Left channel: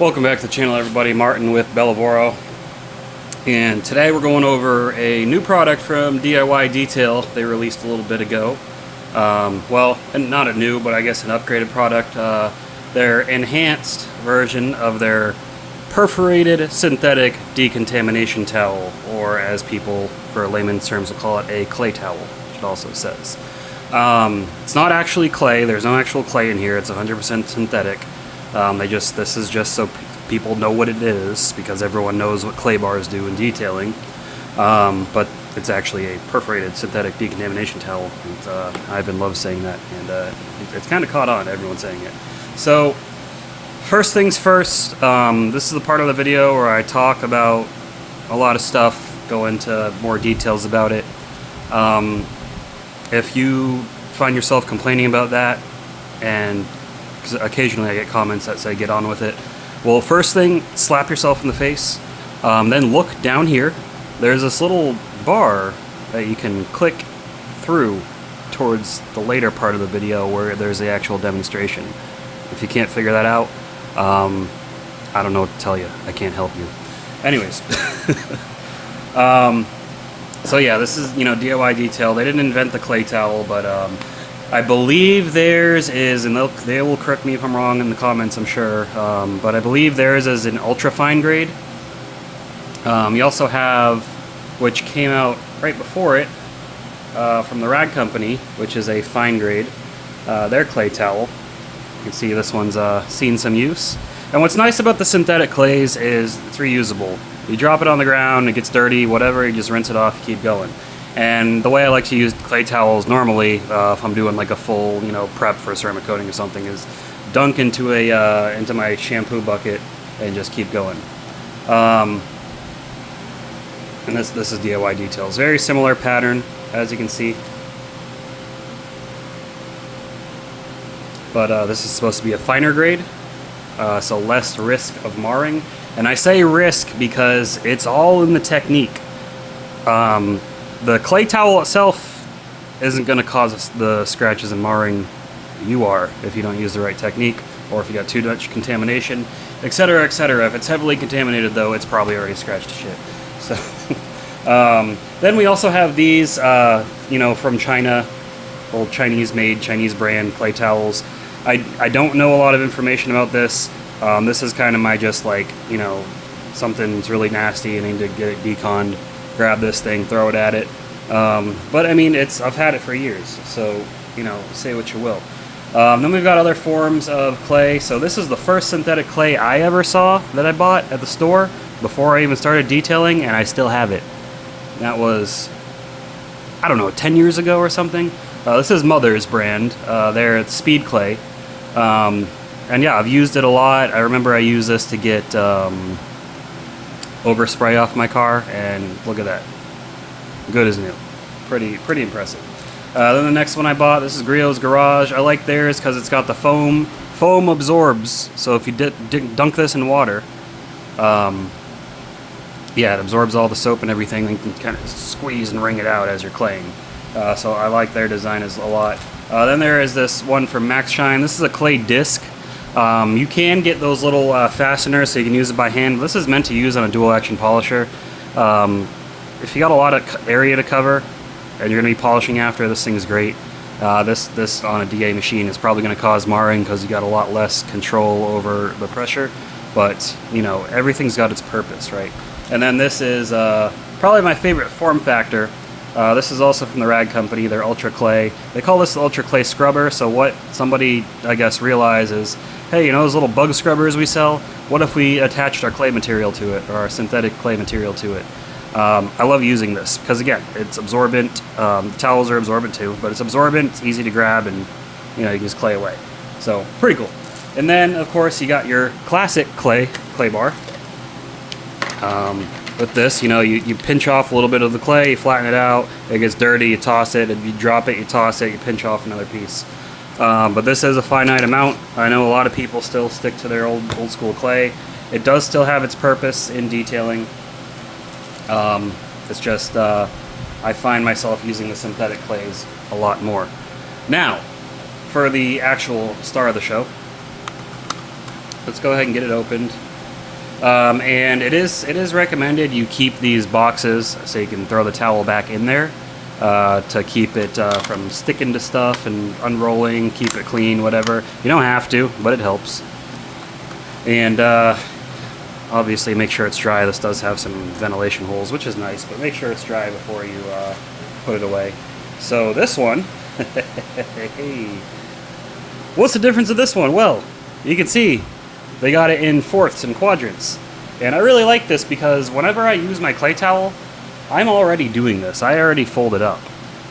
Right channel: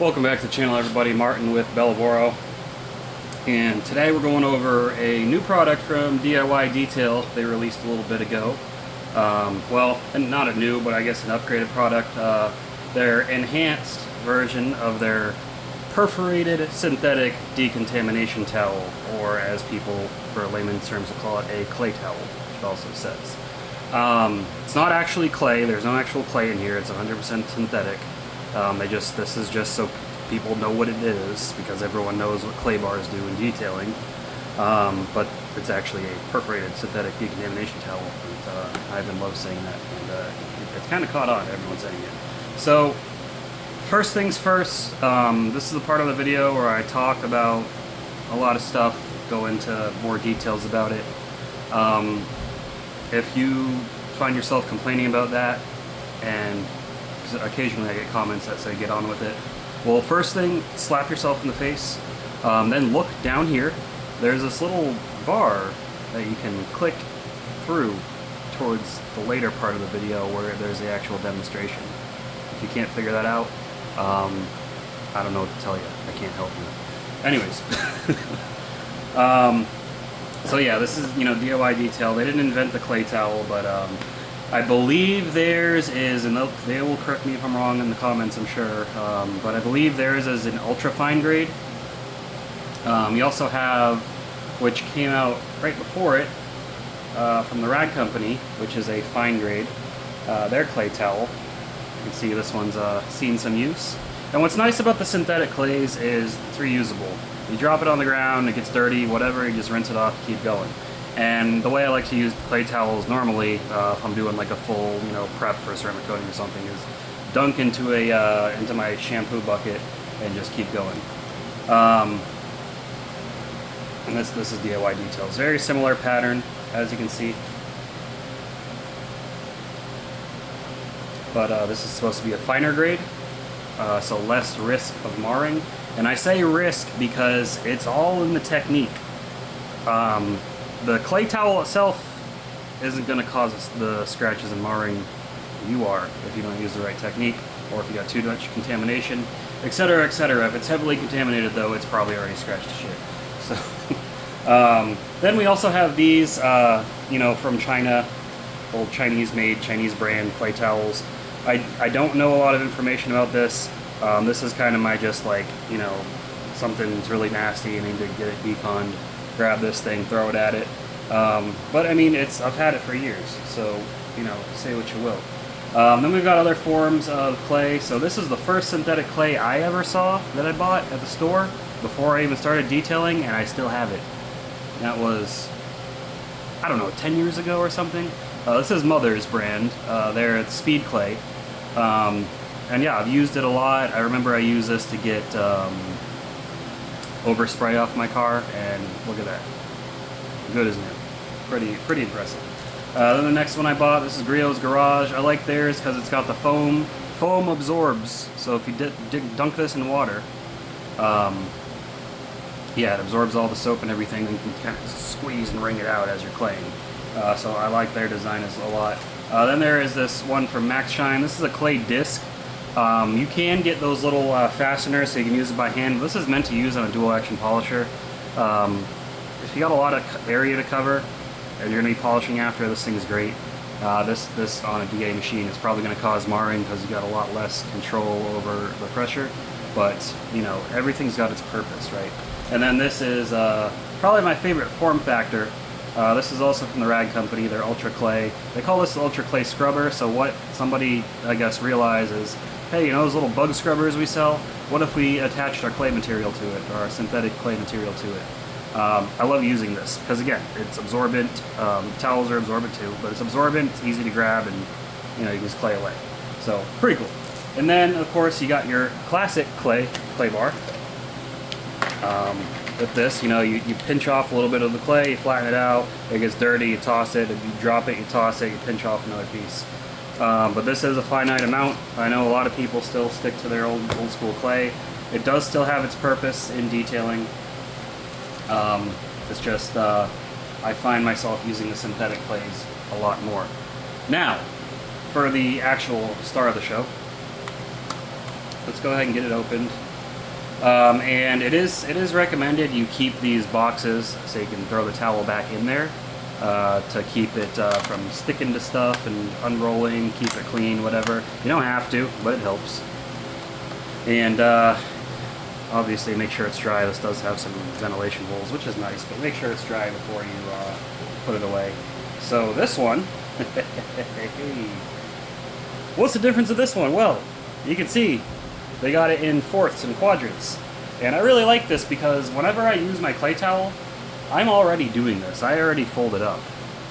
Welcome back to the channel, everybody. Martin with Bellavoro, and today we're going over a new product from DIY Detail they released a little bit ago. Well, and not a new, but I guess an upgraded product. Their enhanced version of their perforated synthetic decontamination towel, or as people for layman's terms will call it, a clay towel, which it also says. It's not actually clay. There's no actual clay in here. It's 100% synthetic. This is just so people know what it is, because everyone knows what clay bars do in detailing. But it's actually a perforated synthetic decontamination towel. And, I've been love saying that, and it's kind of caught on, everyone saying it. So, first things first, this is the part of the video where I talk about a lot of stuff, go into more details about it. If you find yourself complaining about that, and because occasionally I get comments that say get on with it. Well, first thing, slap yourself in the face. Then look down here. There's this little bar that you can click through towards the later part of the video where there's the actual demonstration. If you can't figure that out, I don't know what to tell you. I can't help you. Anyways. So yeah, this is, DIY Detail. They didn't invent the clay towel, but I believe theirs is, and they will correct me if I'm wrong in the comments, I'm sure, but I believe theirs is an ultra fine grade. You also have, which came out right before it, from the Rag Company, which is a fine grade, their clay towel. You can see this one's seen some use. And what's nice about the synthetic clays is it's reusable. You drop it on the ground, it gets dirty, whatever, you just rinse it off, you keep going. And the way I like to use clay towels normally, if I'm doing like a full, prep for a ceramic coating or something, is dunk into into my shampoo bucket and just keep going. And this is DIY Details. Very similar pattern, as you can see. But this is supposed to be a finer grade, so less risk of marring. And I say risk because it's all in the technique. The clay towel itself isn't going to cause the scratches and marring you are if you don't use the right technique, or if you got too much contamination, etc., etc. If it's heavily contaminated, though, it's probably already scratched to shit. So, then we also have these, from China, old Chinese-made, Chinese brand clay towels. I don't know a lot of information about this. This is kind of my just like, something's really nasty, I need to get it deconned. Grab this thing, throw it at it. But I mean, I've had it for years, so say what you will. Then we've got other forms of clay. So this is the first synthetic clay I ever saw that I bought at the store before I even started detailing, and I still have it. That was, I don't know, 10 years ago or something. This is Mother's brand. They're Speed Clay. And yeah, I've used it a lot. I remember I used this to get overspray off my car, and look at that, good as new. Pretty impressive. Then the next one I bought, this is Griot's Garage. I like theirs because it's got the foam absorbs, so if you dunk this in water, yeah, it absorbs all the soap and everything, and you can kind of squeeze and wring it out as you're claying. So I like their design a lot. Then there is this one from Max Shine. This is a clay disc. You can get those little fasteners so you can use it by hand. This is meant to use on a dual action polisher. If you got a lot of area to cover and you're going to be polishing after, this thing's great. This on a DA machine is probably going to cause marring because you got a lot less control over the pressure, but everything's got its purpose, right? And then this is probably my favorite form factor. This is also from the Rag Company, their Ultra Clay. They call this the Ultra Clay Scrubber, so what somebody, I guess, realizes, hey, those little bug scrubbers we sell, what if we attached our clay material to it, or our synthetic clay material to it? I love using this, because again, it's absorbent. The towels are absorbent too, but it's absorbent, it's easy to grab, and you can just clay away. So, pretty cool. And then, of course, you got your classic clay bar. With this, you pinch off a little bit of the clay, you flatten it out, it gets dirty, you toss it, if you drop it, you toss it, you pinch off another piece. But this is a finite amount. I know a lot of people still stick to their old school clay. It does still have its purpose in detailing. It's just, I find myself using the synthetic clays a lot more. Now, for the actual star of the show, let's go ahead and get it opened. And it is recommended you keep these boxes so you can throw the towel back in there to keep it from sticking to stuff and unrolling, keep it clean, whatever. You don't have to, but it helps. And obviously make sure it's dry. This does have some ventilation holes, which is nice, but make sure it's dry before you put it away. So this one, hey, what's the difference of this one? Well, you can see they got it in fourths and quadrants. And I really like this because whenever I use my clay towel, I'm already doing this. I already fold it up.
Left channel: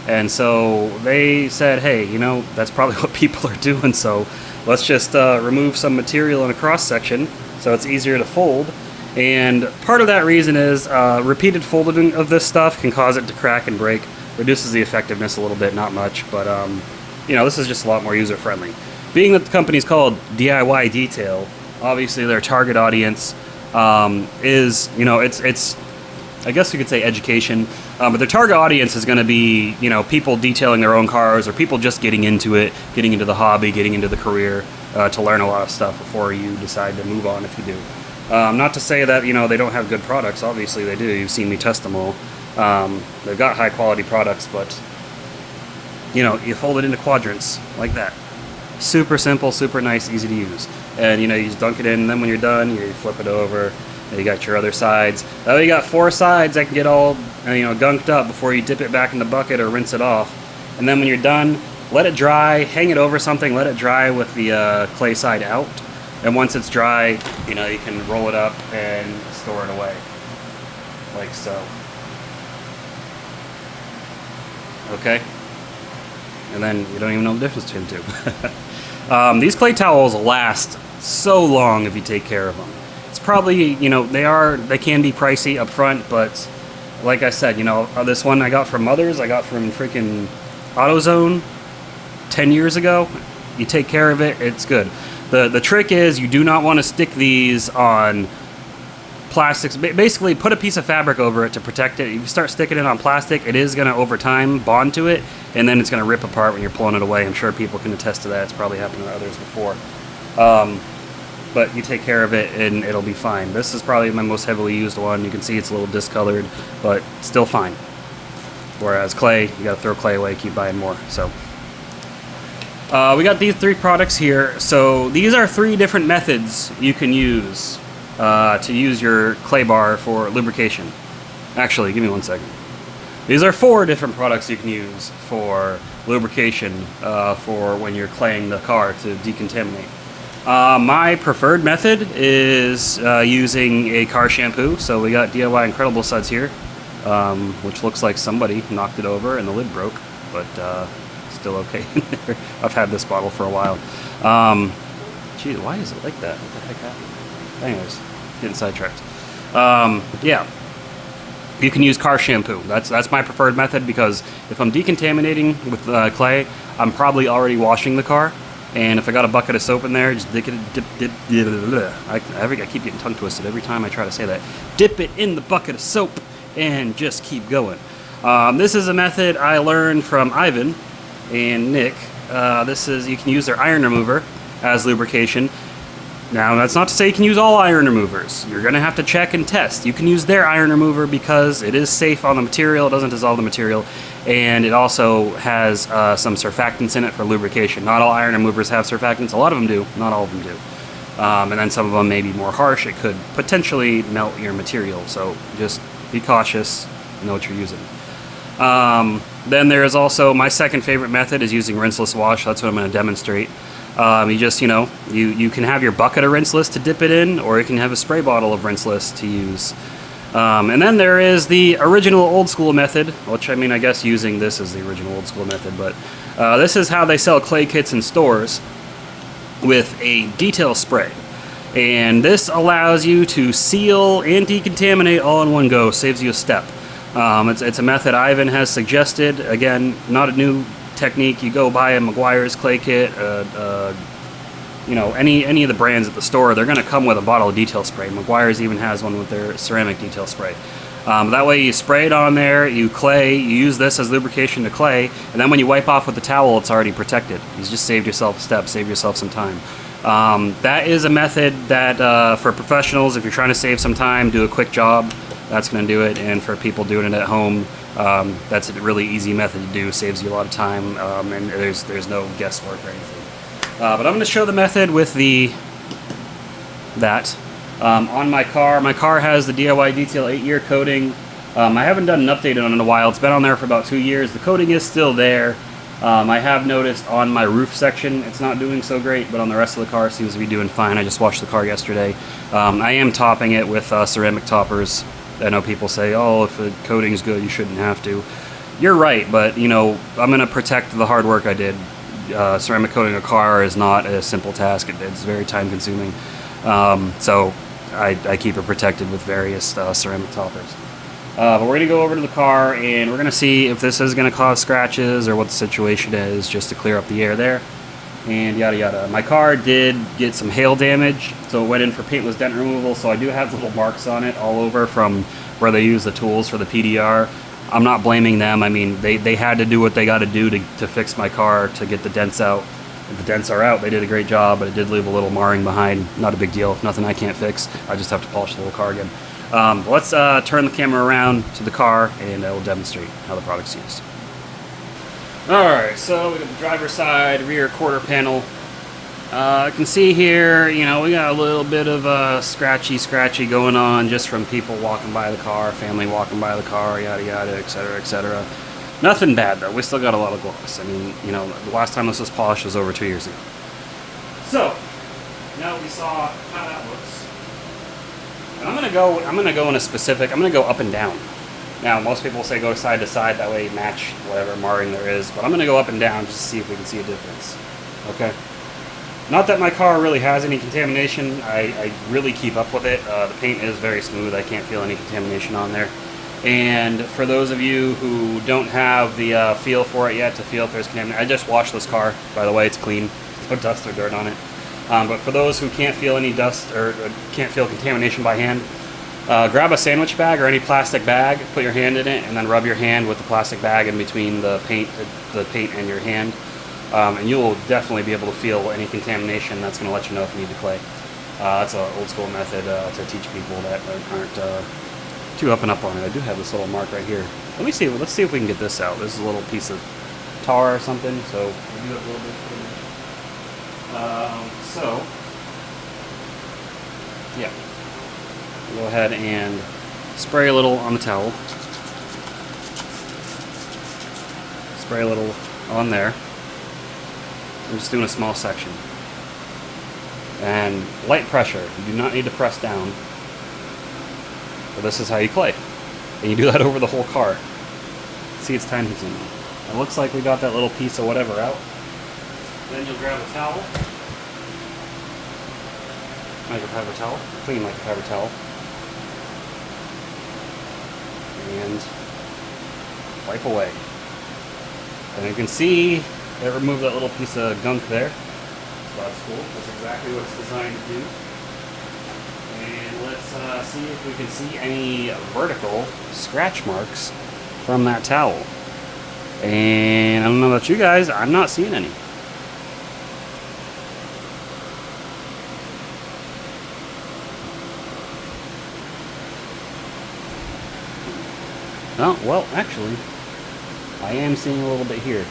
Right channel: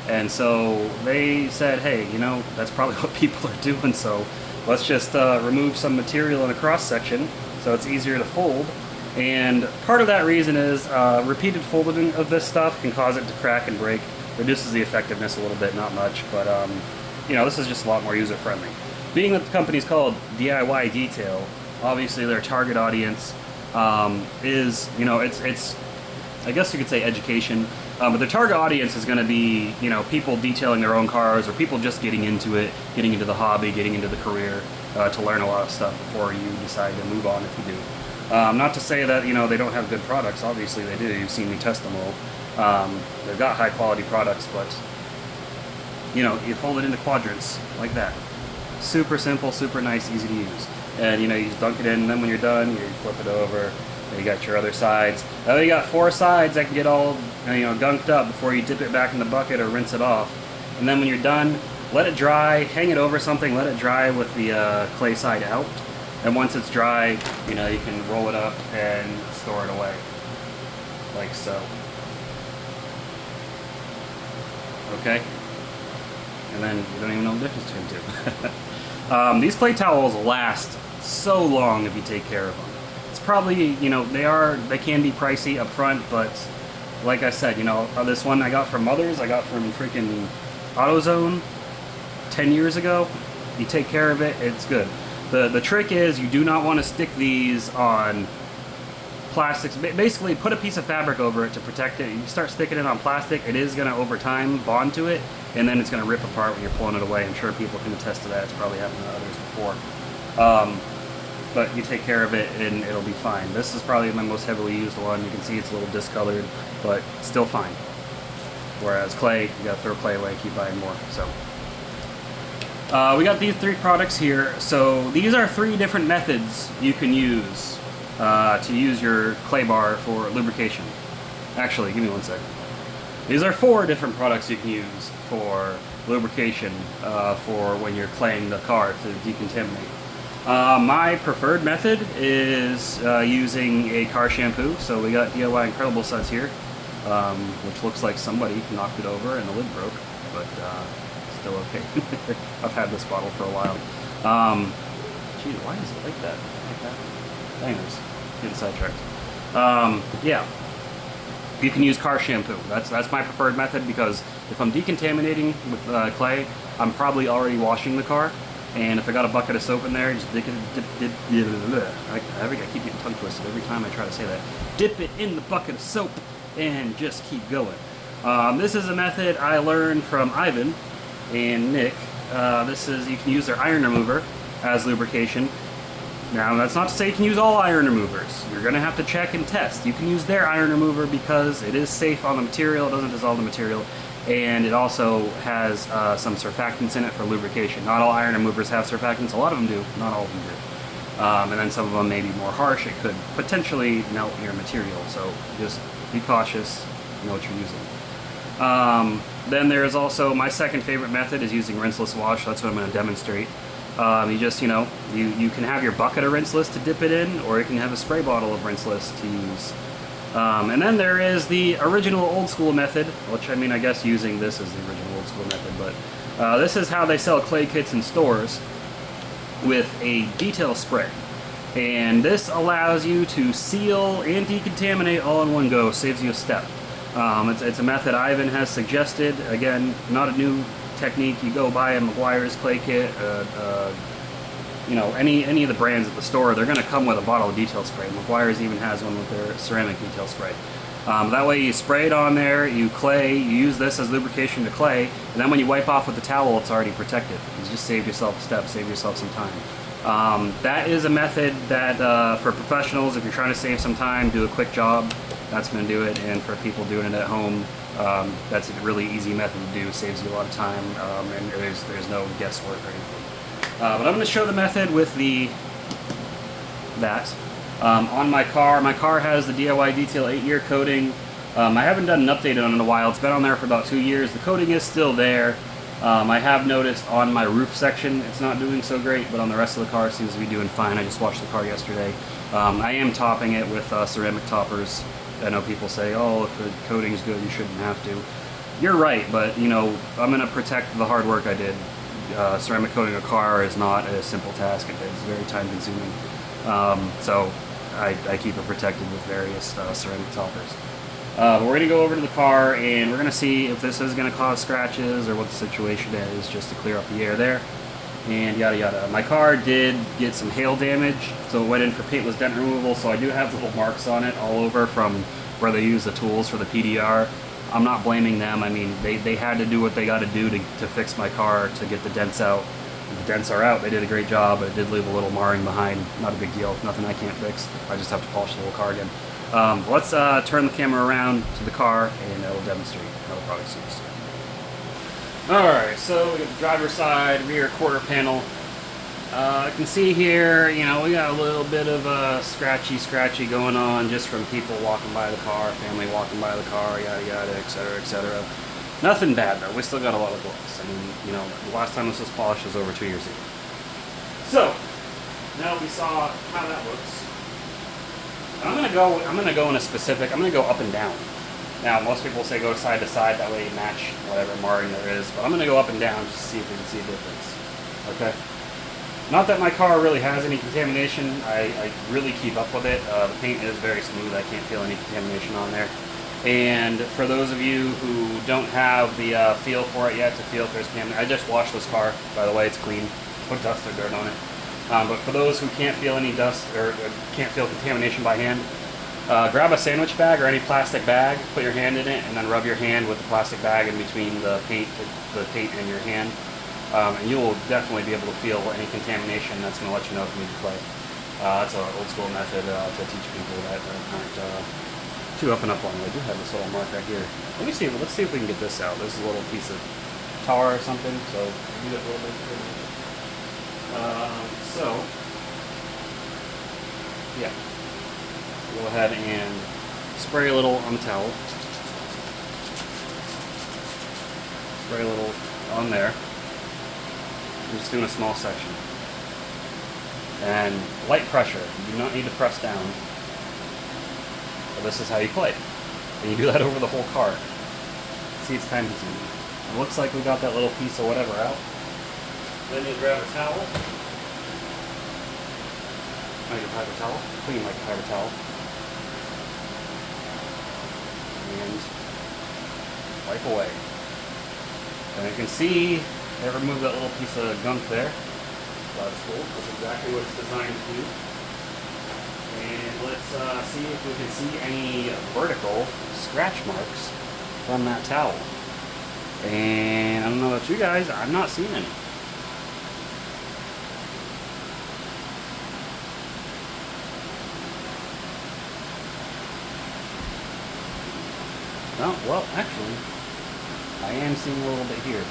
And so they said, hey, you know, that's probably what people are doing, so let's just remove some material in a cross section so it's easier to fold. And part of that reason is repeated folding of this stuff can cause it to crack and break. Reduces the effectiveness a little bit, not much, but you know, this is just a lot more user-friendly. Being that the company's called DIY Detail, obviously their target audience is, you know, it's I guess you could say education, but their target audience is going to be, you know, people detailing their own cars or people just getting into it, getting into the hobby, getting into the career to learn a lot of stuff before you decide to move on if you do. Not to say that, you know, they don't have good products. Obviously they do. You've seen me test them all. They've got high quality products, but, you know, you fold it into quadrants like that. Super simple, super nice, easy to use. And, you know, you just dunk it in, and then when you're done, you flip it over. You got your other sides. Now you got 4 sides that can get all, you know, gunked up before you dip it back in the bucket or rinse it off. And then when you're done, let it dry, hang it over something, let it dry with the clay side out. And once it's dry, you know, you can roll it up and store it away, like so. Okay? And then you don't even know the difference between the two. These clay towels last so long if you take care of them. It's probably, you know, they can be pricey up front, but like I said, you know, this one I got from Mother's, I got from freaking AutoZone 10 years ago. You take care of it, it's good. The trick is you do not want to stick these on plastics. Basically, put a piece of fabric over it to protect it. If you start sticking it on plastic, it is going to, over time, bond to it, and then it's going to rip apart when you're pulling it away. I'm sure people can attest to that. It's probably happened to others before. But you take care of it, and it'll be fine. This is probably my most heavily used one. You can see it's a little discolored, but still fine. Whereas clay, you got to throw clay away, keep buying more. So we got these 3 products here. So these are 3 different methods you can use to use your clay bar for lubrication. Actually, give me 1 second. These are 4 different products you can use for lubrication for when you're claying the car to decontaminate. My preferred method is using a car shampoo. So we got DIY Incredible Suds here, which looks like somebody knocked it over and the lid broke, but still okay. I've had this bottle for a while. Gee, why is it like that? What the heck happened? Anyways, getting sidetracked. Yeah, you can use car shampoo. That's my preferred method because if I'm decontaminating with clay, I'm probably already washing the car. And if I got a bucket of soap in there, just I keep getting tongue twisted every time I try to say that. Dip it in the bucket of soap and just keep going. This is a method I learned from Ivan and Nick. You can use their iron remover as lubrication. Now, that's not to say you can use all iron removers. You're going to have to check and test. You can use their iron remover because it is safe on the material, it doesn't dissolve the material, and it also has some surfactants in it for lubrication. Not all iron removers have surfactants. A lot of them do, not all of them do. And then some of them may be more harsh. It could potentially melt your material, so just be cautious, know what you're using. Then there's also, my second favorite method is using rinseless wash. That's what I'm going to demonstrate. You just, you can have your bucket of rinseless to dip it in, or you can have a spray bottle of rinseless to use. And then there is the original old school method, which I mean, I guess using this is the original old school method, but this is how they sell clay kits in stores with a detail spray. And this allows you to seal and decontaminate all in one go, saves you a step. It's a method Ivan has suggested. Again, not a new technique. You go buy a Meguiar's clay kit, any of the brands at the store, they're going to come with a bottle of detail spray. Meguiar's even has one with their ceramic detail spray. That way you spray it on there, you use this as lubrication to clay, and then when you wipe off with the towel, it's already protected. You just saved yourself a step, saved yourself some time. That is a method that for professionals, if you're trying to save some time, do a quick job, that's going to do it. And for people doing it at home, that's a really easy method to do. Saves you a lot of time, and there's no guesswork or anything. But I'm going to show the method with that on my car. My car has the DIY Detail 8-year coating. I haven't done an update on it in a while. It's been on there for about 2 years. The coating is still there. I have noticed on my roof section it's not doing so great, but on the rest of the car it seems to be doing fine. I just washed the car yesterday. I am topping it with ceramic toppers. I know people say, oh, if the coating's good, you shouldn't have to. You're right, but you know, I'm going to protect the hard work I did. Ceramic coating a car is not a simple task. It's very time consuming. So I keep it protected with various ceramic toppers. But we're going to go over to the car and we're going to see if this is going to cause scratches or what the situation is, just to clear up the air there and yada yada. My car did get some hail damage, so it went in for paintless dent removal, so I do have little marks on it all over from where they use the tools for the PDR. I'm not blaming them. I mean, they had to do what they got to do to fix my car to get the dents out. If the dents are out, they did a great job, but it did leave a little marring behind. Not a big deal, nothing I can't fix. I just have to polish the whole car again. Let's turn the camera around to the car and we'll demonstrate how the product's used. Alright, so we got the driver's side, rear quarter panel. I can see here, you know, we got a little bit of scratchy going on just from people walking by the car, family walking by the car, yada yada, etc, etc. Nothing bad though, we still got a lot of gloss. I mean, you know, the last time this was polished was over 2 years ago. So, now we saw how that looks. I'm gonna go in a specific. I'm gonna go up and down. Now, most people say go side to side. That way, you match whatever marring there is. But I'm gonna go up and down just to see if we can see a difference. Okay. Not that my car really has any contamination. I really keep up with it. The paint is very smooth. I can't feel any contamination on there. And for those of you who don't have the feel for it yet to feel if there's contamination, I just washed this car. By the way, it's clean. No dust or dirt on it. But for those who can't feel any dust or can't feel contamination by hand, grab a sandwich bag or any plastic bag, put your hand in it, and then rub your hand with the plastic bag in between the paint and your hand. And you will definitely be able to feel any contamination. That's going to let you know if you need to play. That's an old school method to teach people that aren't too up and up on it. I do have this little mark right here. Let's see if we can get this out. This is a little piece of tar or something, so we'll do it a little bit. So, yeah, go ahead and spray a little on the towel. Spray a little on there. I'm just doing a small section. And light pressure. You do not need to press down. But this is how you clay. And you do that over the whole car. See, it's time consuming. It looks like we got that little piece of whatever out. Then you'll grab a towel. Microfiber towel. Clean microfiber towel. And wipe away. And you can see it removed that little piece of gunk there. So that's cool. That's exactly what it's designed to do. And let's see if we can see any vertical scratch marks from that towel. And I don't know about you guys, I'm not seeing any. Oh, well, actually, I am seeing a little bit here.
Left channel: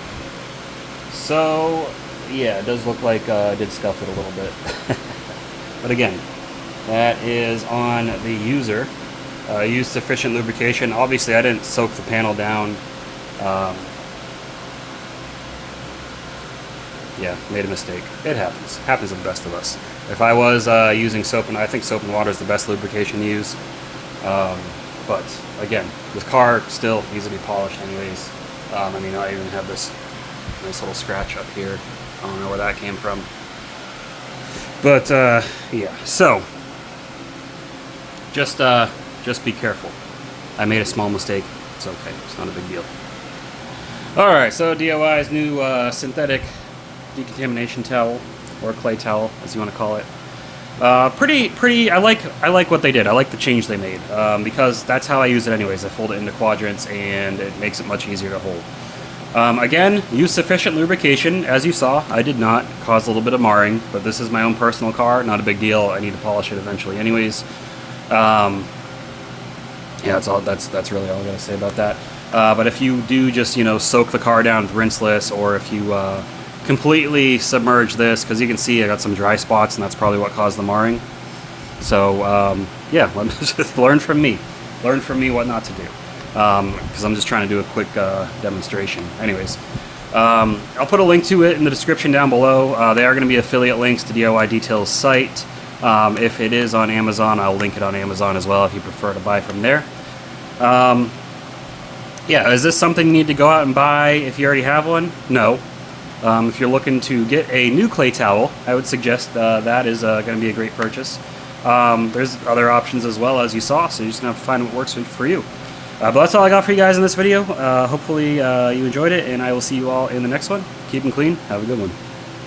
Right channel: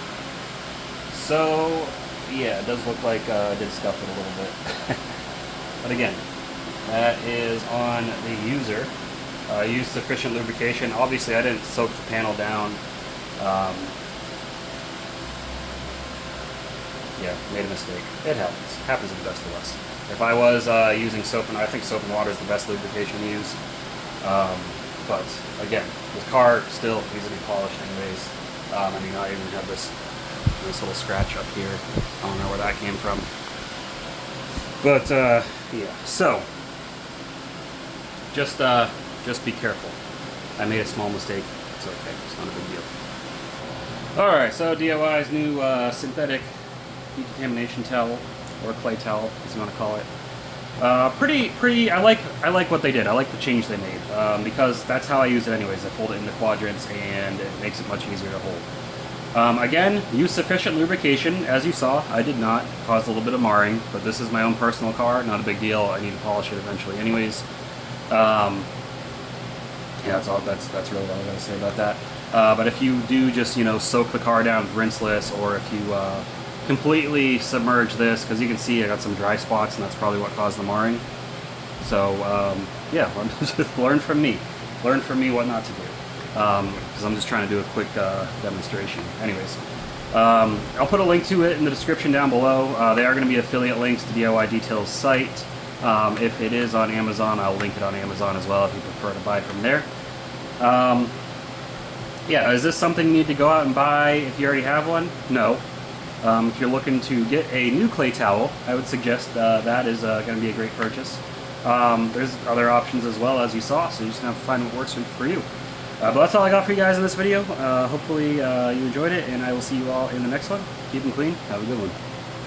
So, yeah, it does look like I did scuff it a little bit. But again, that is on the user. Use sufficient lubrication. Obviously, I didn't soak the panel down. Yeah, made a mistake. It happens. Happens to the best of us. If I was using soap, and I think soap and water is the best lubrication to use. But again, the car still needs to be polished anyways. I mean, I even have this little scratch up here. I don't know where that came from. But yeah, so just be careful. I made a small mistake. It's okay. It's not a big deal. All right, so DIY's new synthetic decontamination towel, or clay towel, as you want to call it. Pretty. I like what they did. I like the change they made because that's how I use it anyways. I fold it into quadrants and it makes it much easier to hold. Again, use sufficient lubrication. As you saw, I did not cause a little bit of marring, but this is my own personal car, not a big deal. I need to polish it eventually anyways. Yeah, that's really all I'm going to say about that. But if you do just, you know, soak the car down with rinseless, or if you completely submerge this, because you can see I got some dry spots, and that's probably what caused the marring. So, yeah, just learn from me. Learn from me what not to do. Because I'm just trying to do a quick demonstration. Anyways, I'll put a link to it in the description down below. They are going to be affiliate links to DIY Detail's site. If it is on Amazon, I'll link it on Amazon as well if you prefer to buy from there. Yeah, is this something you need to go out and buy if you already have one? No. If you're looking to get a new clay towel, I would suggest that is going to be a great purchase. There's other options as well, as you saw, so you're just going to have to find what works for you. But that's all I got for you guys in this video. Hopefully you enjoyed it, and I will see you all in the next one. Keep them clean. Have a good one.